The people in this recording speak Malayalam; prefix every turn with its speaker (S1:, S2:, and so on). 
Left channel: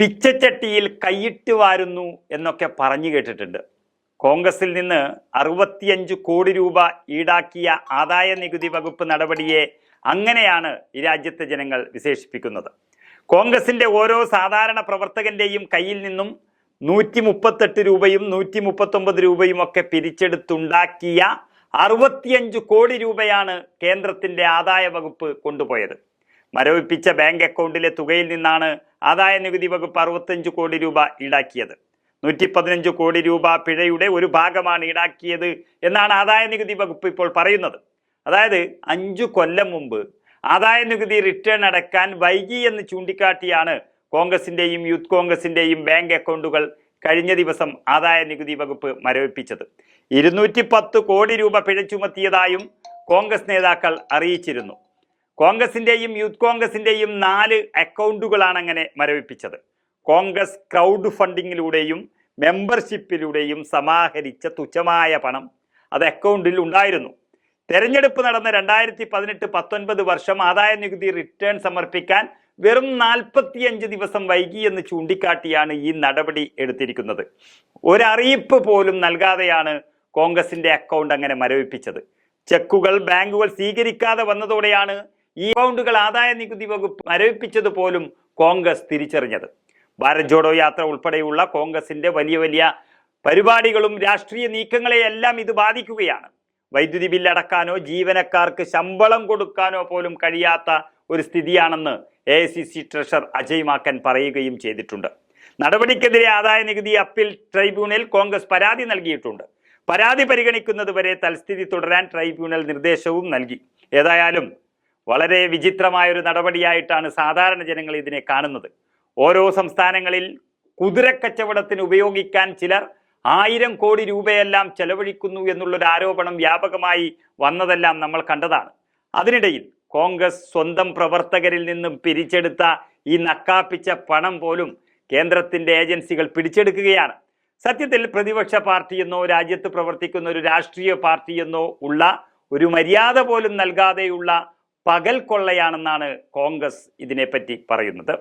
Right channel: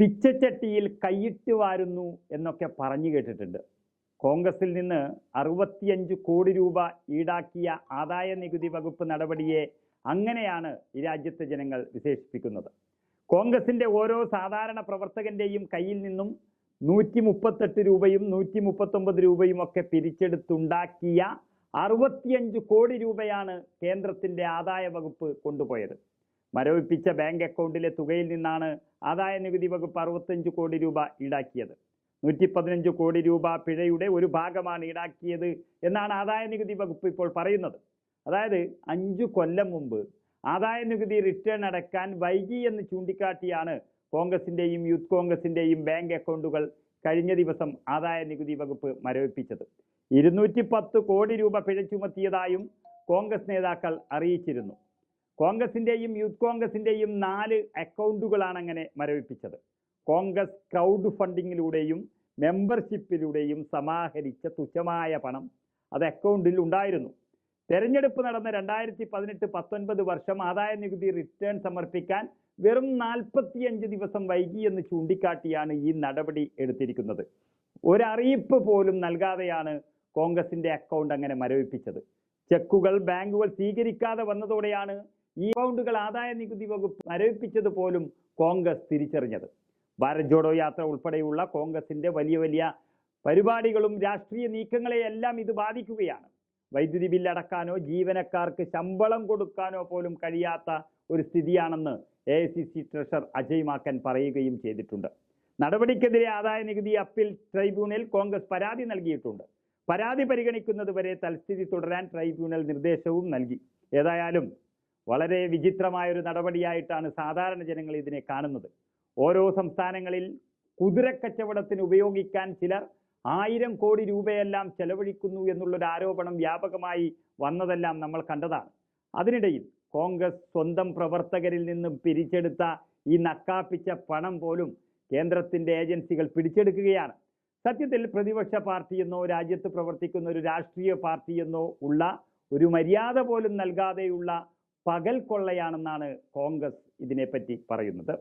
S1: പിച്ചച്ചട്ടിയിൽ കൈയിട്ട് വാരുന്നു എന്നൊക്കെ പറഞ്ഞു കേട്ടിട്ടുണ്ട്. കോൺഗ്രസിൽ നിന്ന് അറുപത്തിയഞ്ച് കോടി രൂപ ഈടാക്കിയ ആദായ നികുതി വകുപ്പ് നടപടിയെ അങ്ങനെയാണ് ഈ രാജ്യത്തെ ജനങ്ങൾ വിശേഷിപ്പിക്കുന്നത്. കോൺഗ്രസിന്റെ ഓരോ സാധാരണ പ്രവർത്തകന്റെയും കയ്യിൽ നിന്നും നൂറ്റി മുപ്പത്തെട്ട് രൂപയും നൂറ്റി മുപ്പത്തൊമ്പത് രൂപയും ഒക്കെ പിരിച്ചെടുത്തുണ്ടാക്കിയ അറുപത്തിയഞ്ച് കോടി രൂപയാണ് കേന്ദ്രത്തിന്റെ ആദായ വകുപ്പ് കൊണ്ടുപോയത്. മരവിപ്പിച്ച ബാങ്ക് അക്കൗണ്ടിലെ തുകയിൽ നിന്നാണ് ആദായ നികുതി വകുപ്പ് അറുപത്തഞ്ച് കോടി രൂപ ഈടാക്കിയത്. നൂറ്റി പതിനഞ്ച് കോടി രൂപ പിഴയുടെ ഒരു ഭാഗമാണ് ഈടാക്കിയത് എന്നാണ് ആദായ നികുതി വകുപ്പ് ഇപ്പോൾ പറയുന്നത്. അതായത് അഞ്ചു കൊല്ലം മുമ്പ് ആദായ നികുതി റിട്ടേൺ അടക്കാൻ വൈകി എന്ന് ചൂണ്ടിക്കാട്ടിയാണ് കോൺഗ്രസിന്റെയും യൂത്ത് കോൺഗ്രസിന്റെയും ബാങ്ക് അക്കൗണ്ടുകൾ കഴിഞ്ഞ ദിവസം ആദായ നികുതി വകുപ്പ് മരവിപ്പിച്ചത്. ഇരുന്നൂറ്റി പത്ത് കോടി രൂപ പിഴ ചുമത്തിയതായും കോൺഗ്രസ് നേതാക്കൾ അറിയിച്ചിരുന്നു. കോൺഗ്രസിന്റെയും യൂത്ത് കോൺഗ്രസിന്റെയും നാല് അക്കൗണ്ടുകളാണ് അങ്ങനെ മരവിപ്പിച്ചത്. കോൺഗ്രസ് ക്രൗഡ് ഫണ്ടിങ്ങിലൂടെയും മെമ്പർഷിപ്പിലൂടെയും സമാഹരിച്ച തുച്ഛമായ പണം അത് അക്കൗണ്ടിൽ ഉണ്ടായിരുന്നു. തെരഞ്ഞെടുപ്പ് നടന്ന രണ്ടായിരത്തി പതിനെട്ട് പത്തൊൻപത് വർഷം ആദായ നികുതി റിട്ടേൺ സമർപ്പിക്കാൻ വെറും നാൽപ്പത്തിയഞ്ച് ദിവസം വൈകി എന്ന് ചൂണ്ടിക്കാട്ടിയാണ് ഈ നടപടി എടുത്തിരിക്കുന്നത്. ഒരറിയിപ്പ് പോലും നൽകാതെയാണ് കോൺഗ്രസിന്റെ അക്കൗണ്ട് അങ്ങനെ മരവിപ്പിച്ചത്. ചെക്കുകൾ ബാങ്കുകൾ സ്വീകരിക്കാതെ വന്നതോടെയാണ് ഈ അക്കൗണ്ടുകൾ ആദായ നികുതി വകുപ്പ് മരവിപ്പിച്ചത് പോലും കോൺഗ്രസ് തിരിച്ചറിഞ്ഞത്. ഭാരത് ജോഡോ യാത്ര ഉൾപ്പെടെയുള്ള കോൺഗ്രസിന്റെ വലിയ വലിയ പരിപാടികളും രാഷ്ട്രീയ നീക്കങ്ങളെയെല്ലാം ഇത് ബാധിക്കുകയാണ്. വൈദ്യുതി ബില്ലടക്കാനോ ജീവനക്കാർക്ക് ശമ്പളം കൊടുക്കാനോ പോലും കഴിയാത്ത ഒരു സ്ഥിതിയാണെന്ന് എ ട്രഷർ അജയ് മാക്കൻ പറയുകയും ചെയ്തിട്ടുണ്ട്. നടപടിക്കെതിരെ ആദായ നികുതി അപ്പീൽ ട്രൈബ്യൂണൽ കോൺഗ്രസ് പരാതി നൽകിയിട്ടുണ്ട്. പരാതി പരിഗണിക്കുന്നതുവരെ തൽസ്ഥിതി തുടരാൻ ട്രൈബ്യൂണൽ നിർദ്ദേശവും നൽകി. ഏതായാലും വളരെ വിചിത്രമായ ഒരു നടപടിയായിട്ടാണ് സാധാരണ ജനങ്ങൾ ഇതിനെ കാണുന്നത്. ഓരോ സംസ്ഥാനങ്ങളിൽ കുതിരക്കച്ചവടത്തിന് ഉപയോഗിക്കാൻ ചിലർ ആയിരം കോടി രൂപയെല്ലാം ചെലവഴിക്കുന്നു എന്നുള്ളൊരു ആരോപണം വ്യാപകമായി വന്നതെല്ലാം നമ്മൾ കണ്ടതാണ്. അതിനിടയിൽ കോൺഗ്രസ് സ്വന്തം പ്രവർത്തകരിൽ നിന്നും പിരിച്ചെടുത്ത ഈ നക്കാപ്പിച്ച പണം പോലും കേന്ദ്രത്തിന്റെ ഏജൻസികൾ പിടിച്ചെടുക്കുകയാണ്. സത്യത്തിൽ പ്രതിപക്ഷ പാർട്ടിയെന്നോ രാജ്യത്ത് പ്രവർത്തിക്കുന്ന ഒരു രാഷ്ട്രീയ പാർട്ടിയെന്നോ ഉള്ള ഒരു മര്യാദ പോലും നൽകാതെയുള്ള പകൽ കൊള്ളയാണെന്നാണ് കോൺഗ്രസ് ഇതിനെപ്പറ്റി പറയുന്നത്.